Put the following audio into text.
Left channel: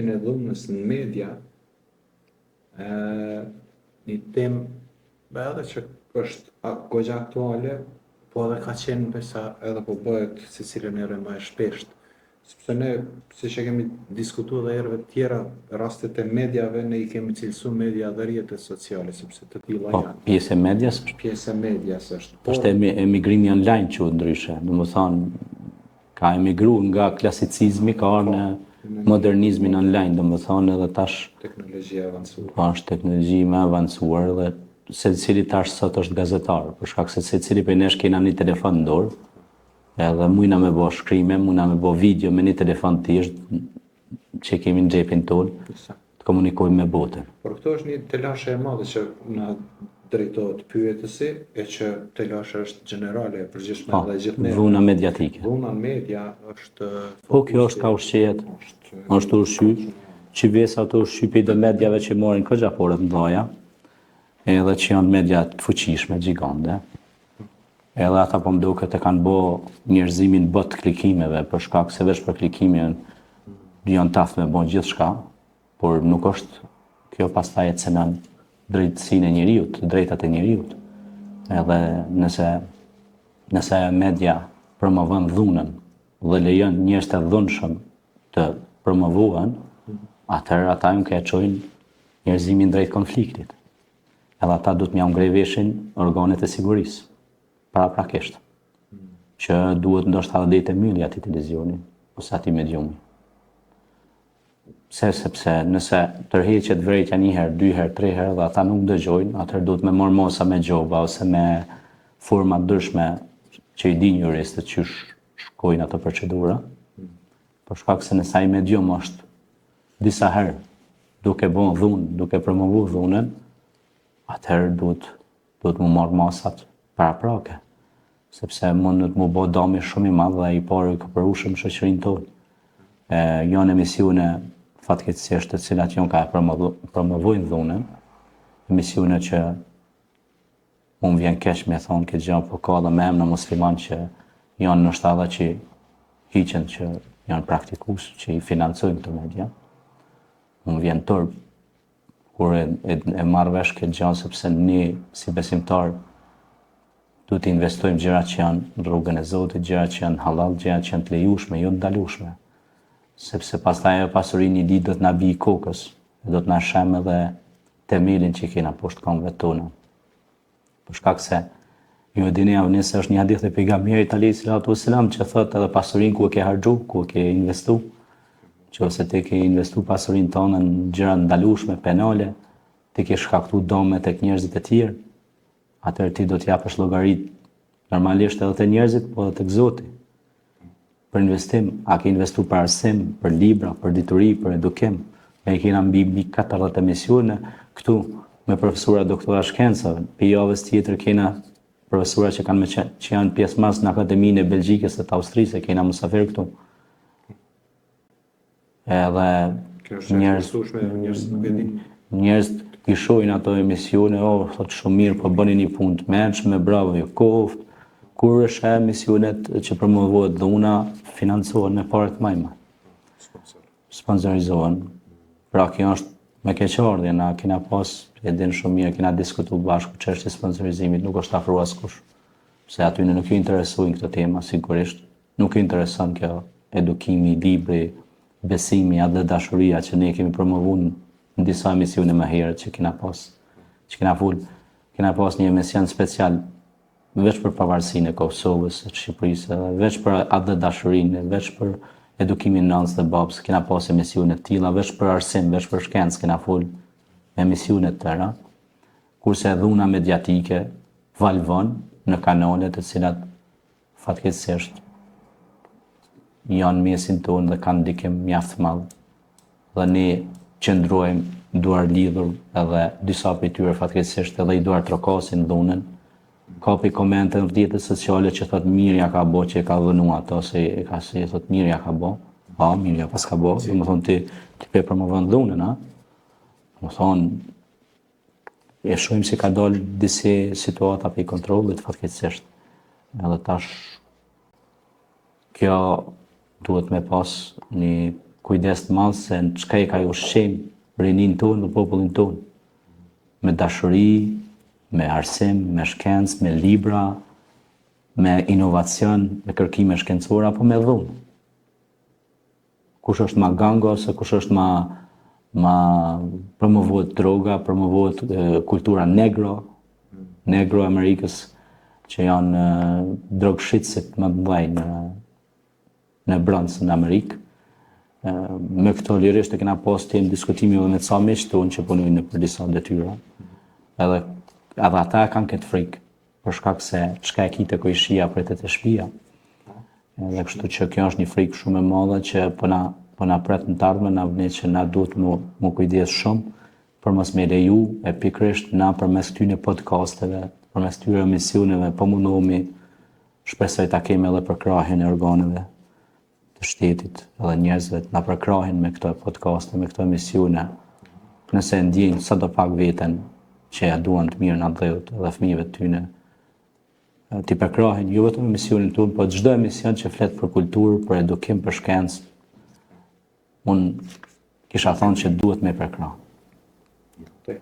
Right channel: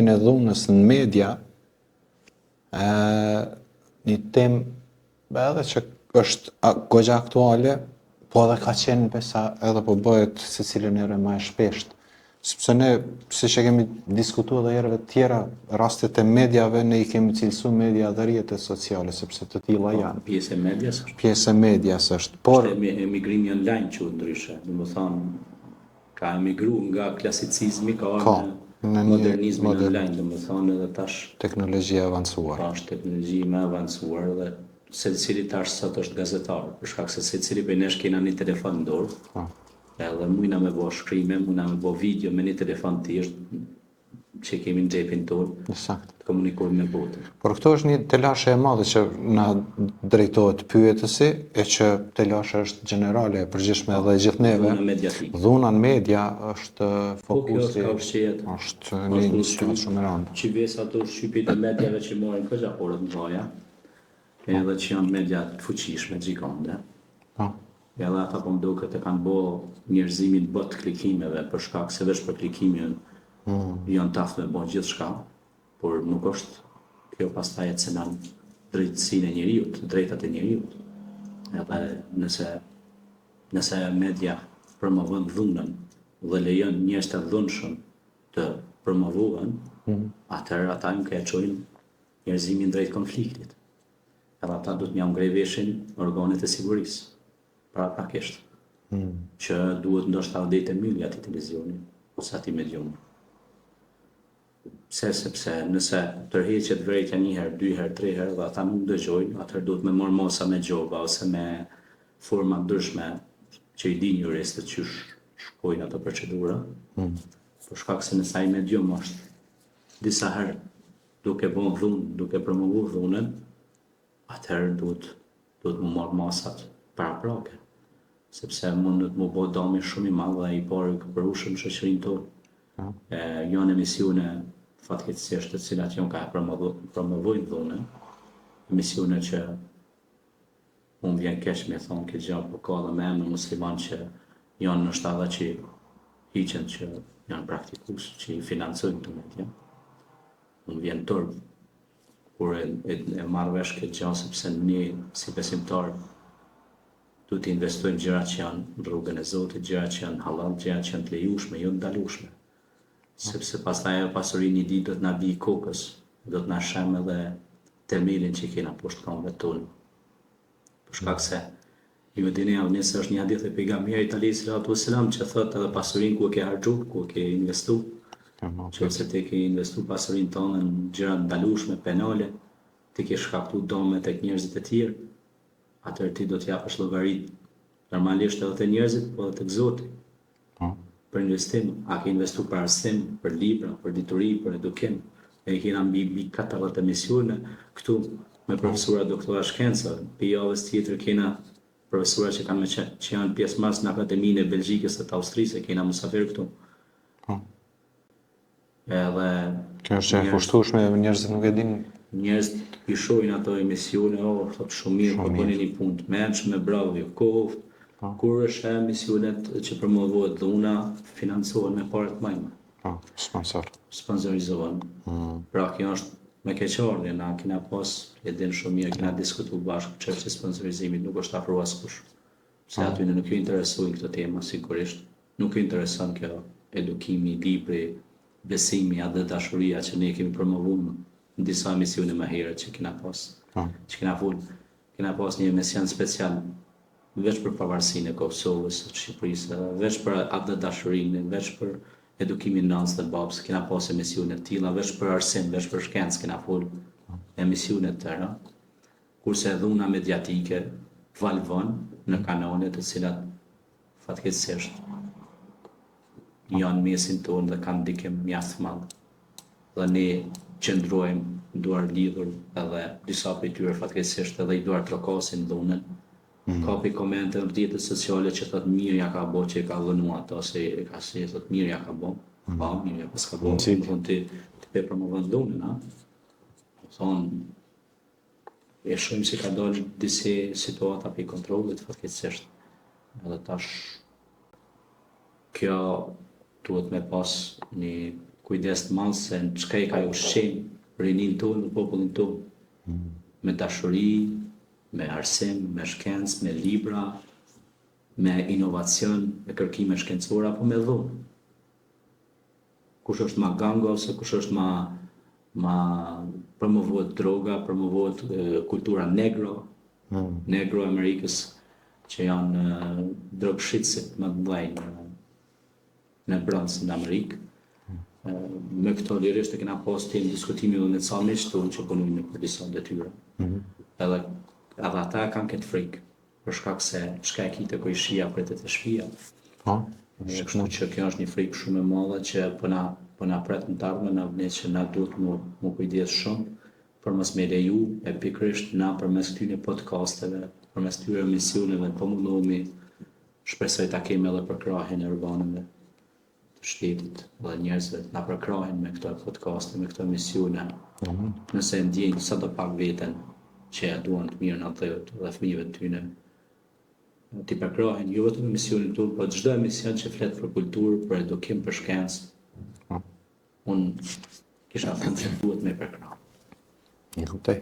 e dhunës në media, një temë edhe që është goxha aktuale, po edhe ka qenë besa edhe po bëhet se cilën herë më e shpesht. Sepse ne, si që kemi diskutuar edhe herëve tjera, rastet e mediave, ne i kemi cilësu media dhe rrjetet sociale, sepse të tilla janë. Pjesë e medias është? Pjesë e medias është. Por është emigrimi online që ndryshe, domethënë ka emigru nga klasicizmi, ka në modernizmin online, domethënë edhe tash teknologjia e avancuar. Po është teknologji më avancuar dhe secili tash sot është gazetar, për shkak se secili prej nesh kena një telefon në dorë. Edhe mujna me bo shkrime, mujna me bo video me një telefon thjesht që kemi në xhepin tonë, të komunikojmë me botën. Por këto është një telashe e madhe që na drejtohet pyetësi, e që telashe është generale, e përgjithshme edhe gjithë neve. Dhuna mediatike. Dhuna në media është fokusi. Po kjo është ka ushqet, është ushqyt, që vesa ato ushqypit dhe mediave që morin këgjaporët në dhaja, edhe që janë media të fuqishme, gjigande. Edhe ata po mduket e kanë bo njerëzimin bot klikimeve, për shkak se veç për klikimin janë taftë me bon gjithë shka, por nuk është kjo pastaj e cenan drejtësinë e njeriut, drejtat e njeriut. Edhe nëse media promovon dhunën dhe lejon njerëz të dhunshëm të promovuan, atëherë ata nuk e çojnë njerëzimin drejt konfliktit. Edhe ata duhet m'ia ngrej veshin organet e sigurisë. Paraprakisht, që duhet ndoshta edhe të mbyllë aty televizioni ose aty medium. Sepse nëse tërheqet vërejtja një herë, 2 herë, 3 herë dhe ata nuk dëgjojnë, atëherë duhet me marr mosa me gjova ose me forma ndryshme që i din juristët që shkojnë ato procedura. Për shkak se nëse ai medium është disa herë duke bën dhunë, duke promovuar dhunën, atëherë duhet mu marr masat paraprake, sepse mundet mu bo dami shumë i madh dhe i parë ka përushëm shoqërinë tonë. Janë emisione fatkeqësisht të cilat janë ka promovojnë dhunën, emisione që unë vjen keq me thonë këtë gjë, po ka dhe me emra musliman që janë në shtadha që hiqen që janë praktikues që i financojnë këto media. Unë vjen turp kur e marr vesh këtë gjë, sepse ne si besimtar duhet të investojmë gjëra që janë në rrugën e Zotit, gjëra që janë halal, gjëra që janë të lejueshme, jo të ndalueshme. Sepse pastaj ajo pasuri një ditë do të na bij kokës, do të na shem edhe themelin që kena poshtë këmbëve tona. Për shkak se ju e dini avni se është një hadith e pejgamberit alayhis salatu wassalam që thotë edhe pasurinë ku e ke harxhu, ku e ke investu, që ose ti ke investu pasurinë tonë në gjëra ndalueshme, penale, ti ke shkaktuar dëme tek njerëzit e tjerë. Atëherë ti do të japësh llogarit normalisht edhe te njerëzit, po edhe tek Zoti. Për investim, a ke investu për arsim, për libra, për dituri, për edukim. Ne kena mbi 40 emisione këtu me profesora doktora shkencave. Për javës tjetër kena profesora që janë pjesëmarrës në Akademinë e Belgjikës dhe të Austrisë, kena musafir këtu. Edhe kjo është e kushtueshme, njerëzit nuk e dinë. Njerëzit i shohin ato emisione, thotë shumë mirë, po bëni një punë të mendshme, bravo, jo koft. Kur është emisionet që promovohet dhuna, financohen me parë të majma. Sponsorizohen. Pra kjo është me keqardhje, na kena pas, e din shumë mirë, kena diskutuar bashkë çështja e sponsorizimit, nuk është afruar askush. Se aty nuk ju interesojnë këto tema, sigurisht. Nuk ju intereson kjo edukimi, libri, besimi, edhe dashuria që ne kemi promovuar në disa emisione më herët që kena pas. Që kena pas një emision special veç për pavarësinë e Kosovës, e Shqipërisë, veç për atë dashurinë, veç për edukimin nënës dhe babës, kena pas emisione të tilla, veç për arsim, veç për shkencë, kena fol emisione të tëra, kurse dhuna mediatike valvon në kanale të cilat fatkeqësisht janë mesin tonë dhe kanë ndikim mjaft të madh. Dhe ne qëndrojmë duar lidhur edhe disa prej tyre fatkeqësisht edhe i duar trokasin dhunën. Ka për komente në rrjetet sociale që thot mirja ka bo që e ka dhënu ato, se e ka si thot mirja ka bo. Pa, mirja pas ka bo, si më thonë ti pe promovon dhunën, a? Më thonë, e shojmë si ka dalë disi situata për i kontrollit fatkeqësisht. Edhe tash, kjo duhet me pas një kujdes të madh se në çka i ka ushqim rinin tonë dhe popullin tonë. Me dashuri, me arsim, me shkencë, me libra, me inovacion, me kërkime shkencore apo me dhunë. Kush është ma gango, ose kush është ma promovohet droga, promovohet kultura negro Amerikës, që janë drogshitësit më të mëdhenj në brendësi në Amerikë. Me këto lirisht e kena pas të jenë diskutimi edhe me ca miq tonë që punojnë në për disa detyra. Edhe ata kanë këtë frikë, për shkak se çka e kite ko i shia pritet e shtëpia. Dhe kështu që kjo është një frikë shumë e madhe që po na pret në të ardhmen, na vjen që na duhet mu kujdes shumë për mos me leju e pikërisht na përmes këtyre podcasteve, përmes këtyre emisioneve, po mundohemi shpresoj ta kemi edhe për krahjen e organeve të shtetit edhe njerëzve na përkrahin me këto podcaste, me këto emisione. Nëse ndjejnë sadopak veten që ja duan të mirën atëut dhe fëmijëve të tyre, t'i përkrahin jo vetëm emisionin tonë, po çdo emision që flet për kulturë, për edukim, për shkencë. Unë kisha thënë që duhet me përkrah. Një kuptoj.